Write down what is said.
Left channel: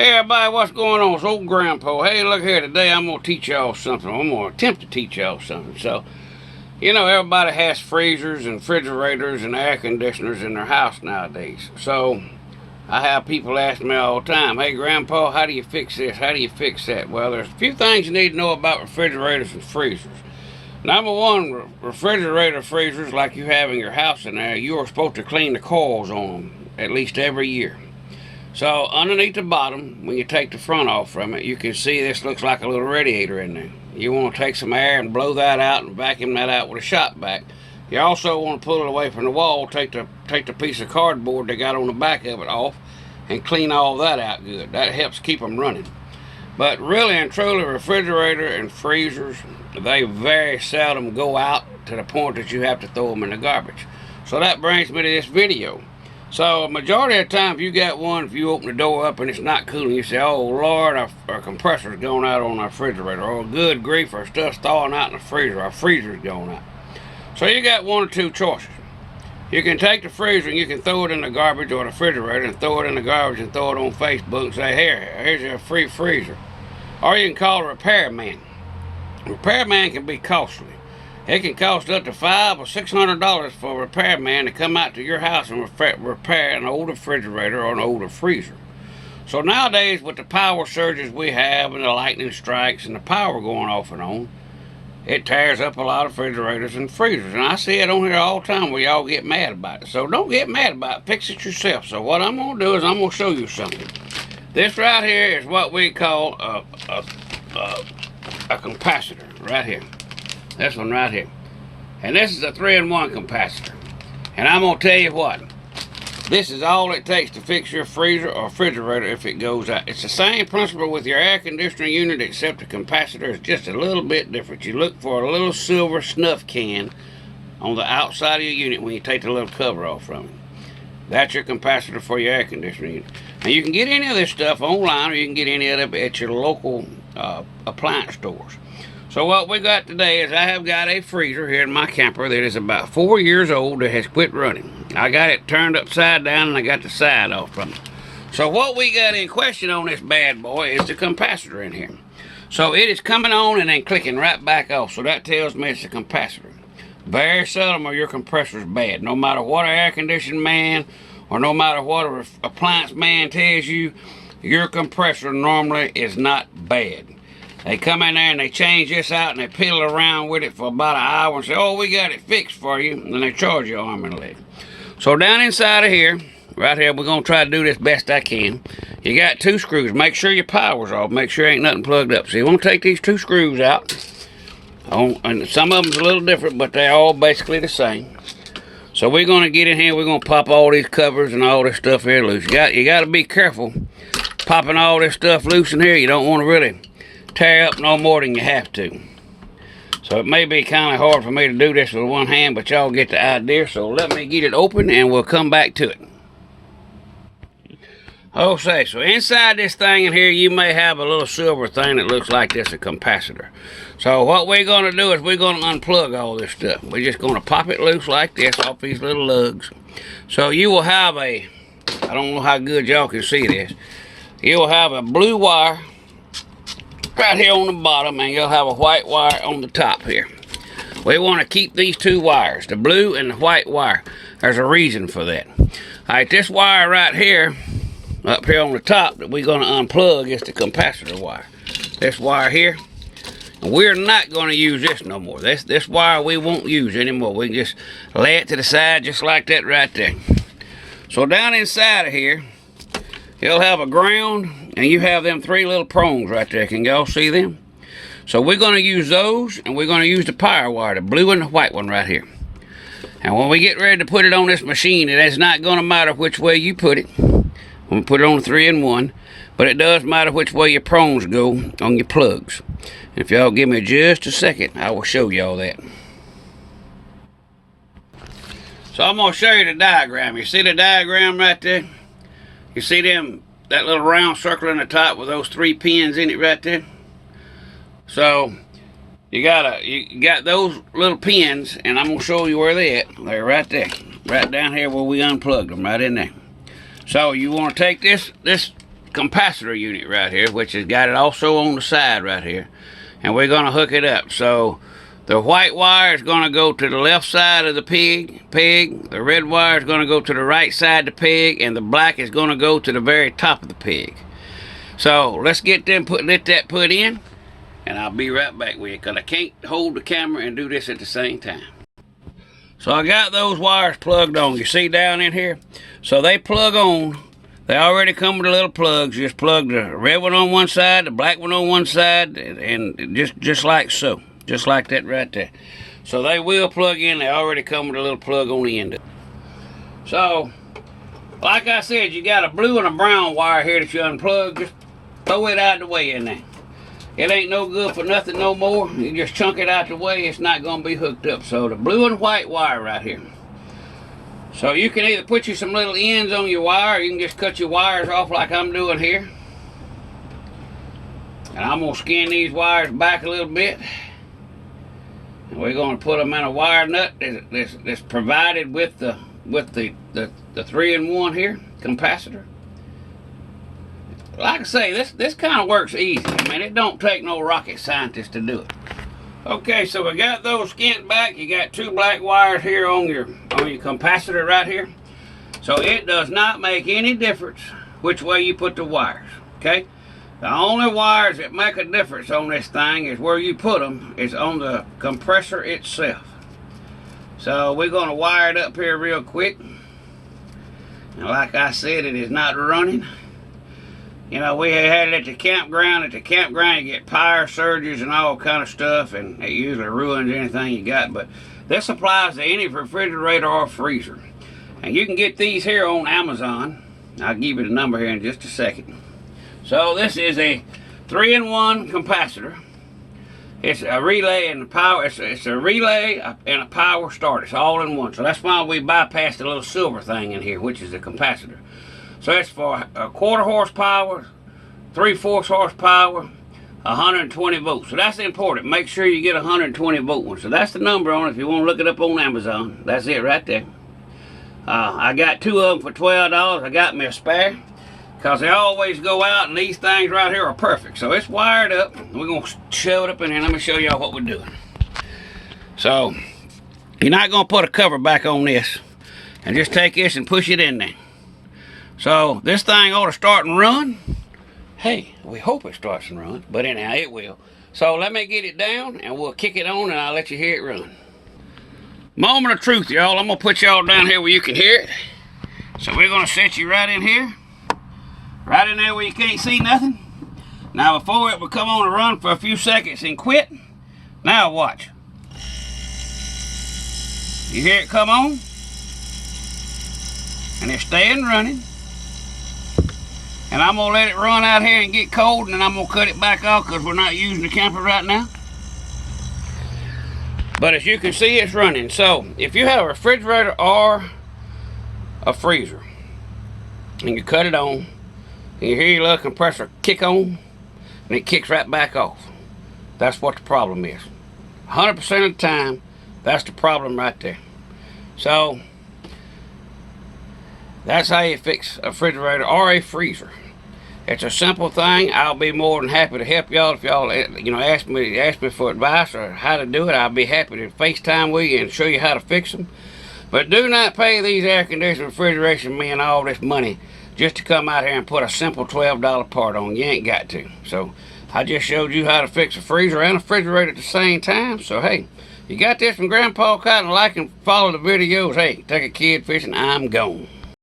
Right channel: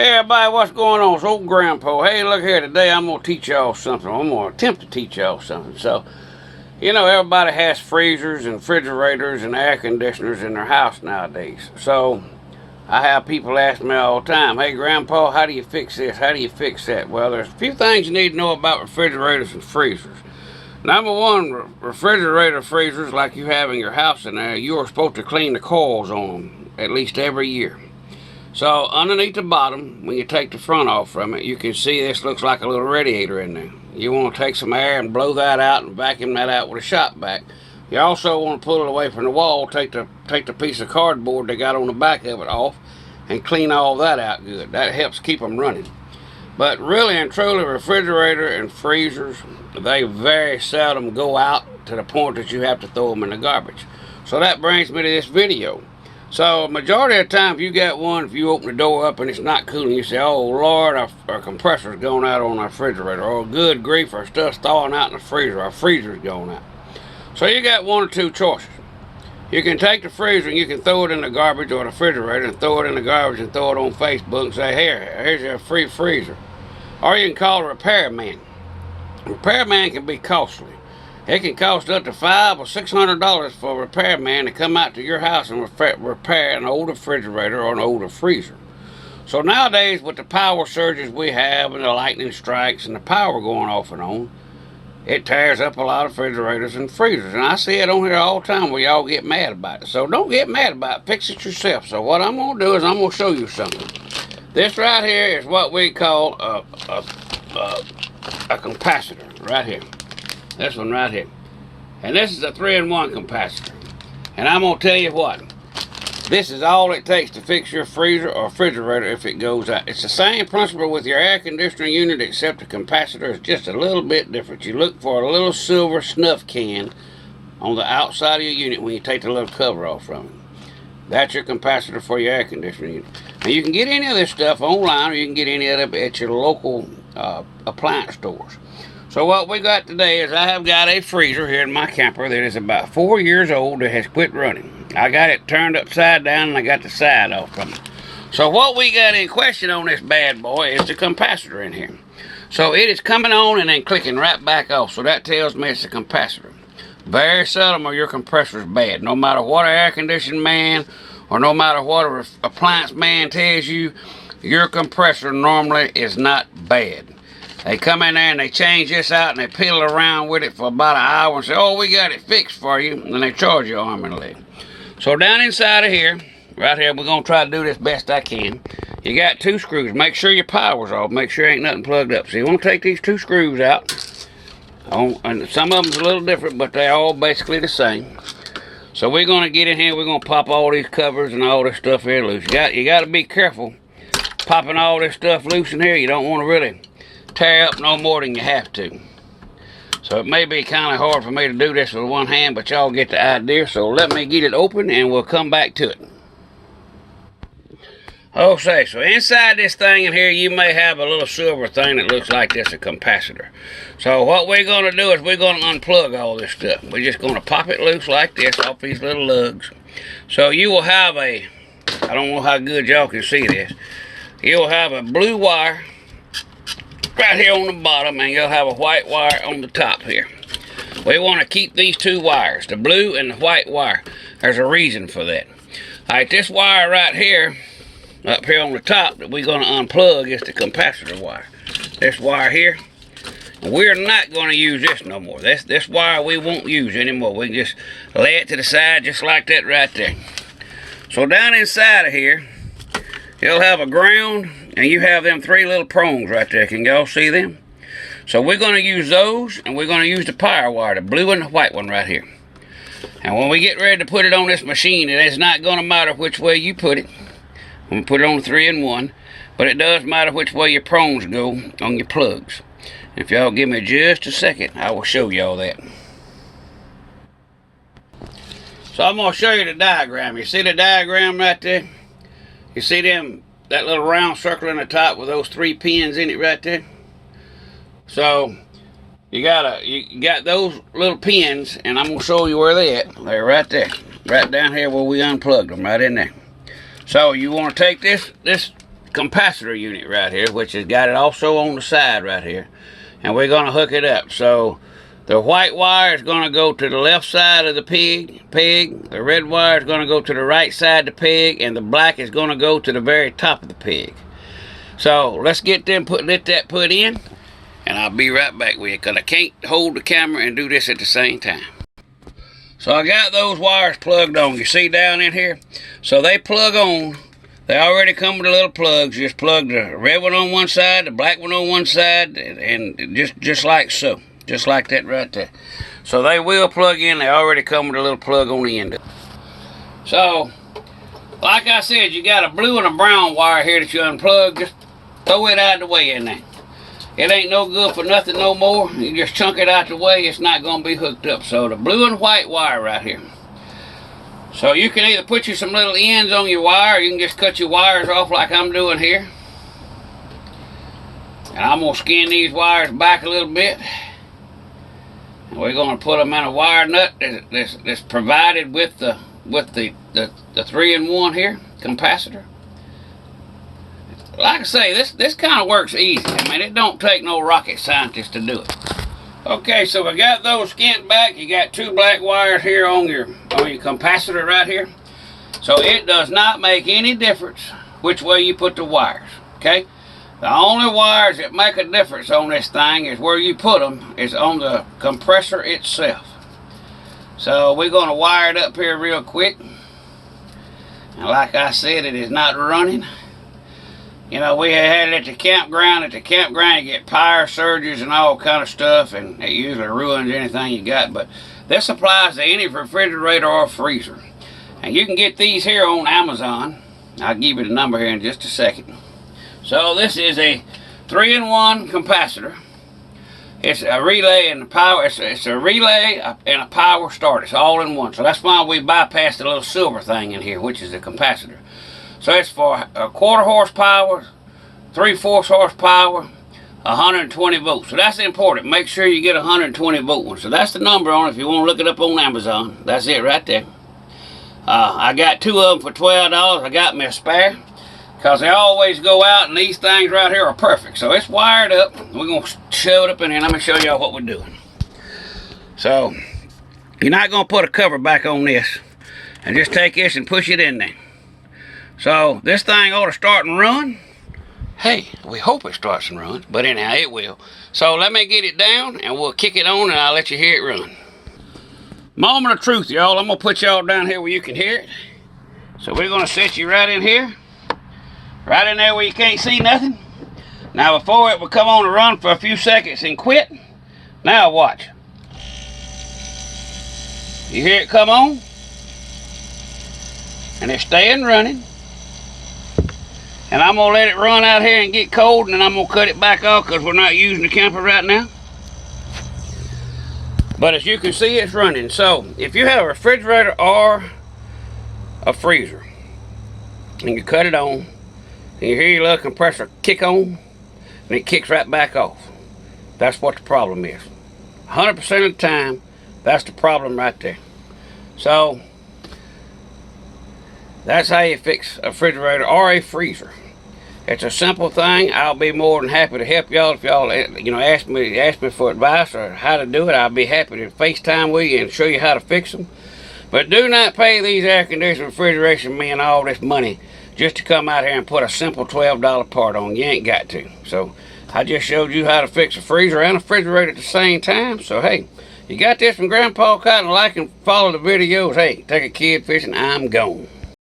Hey everybody, what's going on? It's old Grandpa. Hey, look here, today I'm going to teach y'all something. I'm going to attempt to teach y'all something. So, you know, everybody has freezers and refrigerators and air conditioners in their house nowadays. So, I have people ask me all the time, hey Grandpa, how do you fix this? How do you fix that? Well, there's a few things you need to know about refrigerators and freezers. Number one, refrigerator freezers like you have in your house in there, you are supposed to clean the coils on them at least every year. So underneath the bottom, when you take the front off from it, you can see this looks like a little radiator in there. You want to take some air and blow that out and vacuum that out with a shop vac. You also want to pull it away from the wall, take the piece of cardboard they got on the back of it off, and clean all that out good. That helps keep them running. But really and truly, refrigerator and freezers, they very seldom go out to the point that you have to throw them in the garbage. So that brings me to this video. So, majority of the time, if you got one, if you open the door up and it's not cooling, you say, oh, Lord, our compressor's going out on our refrigerator. Or, good grief, our stuff's thawing out in the freezer. Our freezer's going out. So, you got one or two choices. You can take the freezer and you can throw it in the garbage or the refrigerator and throw it in the garbage and throw it on Facebook and say, here's your free freezer. Or you can call a repairman. A repairman can be costly. It can cost up to $500 or $600 for a repairman to come out to your house and repair an old refrigerator or an older freezer. So nowadays, with the power surges we have and the lightning strikes and the power going off and on, it tears up a lot of refrigerators and freezers. And I see it on here all the time where y'all get mad about it. So don't get mad about it. Fix it yourself. So what I'm going to do is I'm going to show you something. This right here is what we call a capacitor right here. This one right here. And this is a 3-in-1 capacitor. And I'm going to tell you what. This is all it takes to fix your freezer or refrigerator if it goes out. It's the same principle with your air conditioning unit, except the capacitor is just a little bit different. You look for a little silver snuff can on the outside of your unit when you take the little cover off from it. That's your capacitor for your air conditioning unit. And you can get any of this stuff online, or you can get any of it at your local appliance stores. So what we got today is I have got a freezer here in my camper that is about 4 years old that has quit running. I got it turned upside down and I got the side off from it. So what we got in question on this bad boy is the capacitor in here. So it is coming on and then clicking right back off. So that tells me it's a capacitor. Very seldom are your compressors bad. No matter what an air conditioning man or no matter what an appliance man tells you, your compressor normally is not bad. They come in there and they change this out and they piddle around with it for about an hour and say, oh, we got it fixed for you. And they charge you arm and a leg. So down inside of here, right here, we're going to try to do this best I can. You got 2 screws. Make sure your power's off. Make sure ain't nothing plugged up. So you want to take these 2 screws out. And some of them's a little different, but they're all basically the same. So we're going to get in here. We're going to pop all these covers and all this stuff here loose. You got to be careful popping all this stuff loose in here. You don't want to really tear up no more than you have to. So it may be kind of hard for me to do this with one hand, but y'all get the idea. So let me get it open and we'll come back to it. Okay, so inside this thing in here, you may have a little silver thing that looks like this, a capacitor. So what we're going to do is we're going to unplug all this stuff. We're just going to pop it loose like this off these little lugs. So you will have I don't know how good y'all can see this. You'll have a blue wire right here on the bottom, and you'll have a white wire on the top here. We want to keep these 2 wires, the blue and the white wire. There's a reason for that. Alright, this wire right here, up here on the top, that we're going to unplug is the capacitor wire. This wire here, and we're not going to use this no more. This wire we won't use anymore. We can just lay it to the side just like that right there. So down inside of here, you'll have a ground, and you have them 3 little prongs right there. Can y'all see them? So we're going to use those, and we're going to use the power wire, the blue and the white one right here. And when we get ready to put it on this machine, it is not going to matter which way you put it. I'm going to put it on 3-in-1, but it does matter which way your prongs go on your plugs. If y'all give me just a second, I will show y'all that. So I'm going to show you the diagram. You see the diagram right there? You see that little round circle in the top with those 3 pins in it right there? So you got those little pins, and I'm gonna show you where they're at. They're right there, right down here where we unplugged them, right in there. So you want to take this capacitor unit right here, which has got it also on the side right here. And we're going to hook it up. So the white wire is going to go to the left side of the peg. The red wire is going to go to the right side of the peg. And the black is going to go to the very top of the peg. So let's get them let that put in. And I'll be right back with you, because I can't hold the camera and do this at the same time. So I got those wires plugged on. You see down in here? So they plug on. They already come with the little plugs. Just plug the red one on one side, the black one on one side, and just like so. Just like that right there. So they will plug in. They already come with a little plug on the end of it. So, like I said, you got a blue and a brown wire here that you unplug. Just throw it out of the way in there. It ain't no good for nothing no more. You just chunk it out the way, it's not going to be hooked up. So the blue and white wire right here. So you can either put you some little ends on your wire, or you can just cut your wires off like I'm doing here. And I'm going to skin these wires back a little bit. And we're going to put them in a wire nut that's provided with the 3-in-1 here, capacitor. Like I say, this kind of works easy. I mean, it don't take no rocket scientist to do it. Okay, so we got those skint back. You got 2 black wires here on your capacitor right here. So it does not make any difference which way you put the wires, okay? The only wires that make a difference on this thing is where you put them is on the compressor itself. So we're going to wire it up here real quick. And like I said, it is not running. You know, we had it at the campground. At the campground, you get power surges and all kind of stuff, and it usually ruins anything you got. But this applies to any refrigerator or freezer. And you can get these here on Amazon. I'll give you the number here in just a second. So this is a 3-in-1 capacitor. It's a relay and a power. It's a relay and a power start. It's all in one. So that's why we bypassed the little silver thing in here, which is the capacitor. So it's for a 1/4 horsepower, 3/4 horsepower, 120 volts. So that's important. Make sure you get a 120 volt one. So that's the number on it if you want to look it up on Amazon. That's it right there. I got 2 of them for $12. I got me a spare, because they always go out, and these things right here are perfect. So it's wired up. We're going to shove it up in here. Let me show y'all what we're doing. So you're not going to put a cover back on this. And just take this and push it in there. So this thing ought to start and run. Hey, we hope it starts and runs, but anyhow, it will. So let me get it down, and we'll kick it on, and I'll let you hear it run. Moment of truth, y'all. I'm going to put y'all down here where you can hear it. So we're going to set you right in here. Right in there where you can't see nothing. Now before it will come on and run for a few seconds and quit. Now watch. You hear it come on? And it's staying running. And I'm going to let it run out here and get cold, and then I'm going to cut it back off because we're not using the camper right now. But as you can see, it's running. So if you have a refrigerator or a freezer, and you cut it on, and you hear your little compressor kick on, and it kicks right back off. That's what the problem is. 100% of the time, that's the problem right there. So that's how you fix a refrigerator or a freezer. It's a simple thing. I'll be more than happy to help y'all. If y'all ask me for advice or how to do it, I'll be happy to FaceTime with you and show you how to fix them. But do not pay these air conditioning refrigeration men all this money just to come out here and put a simple $12 part on. You ain't got to. So I just showed you how to fix a freezer and a refrigerator at the same time. So hey, you got this from Grandpa Cotton. Like and follow the videos. Hey, take a kid fishing. I'm gone.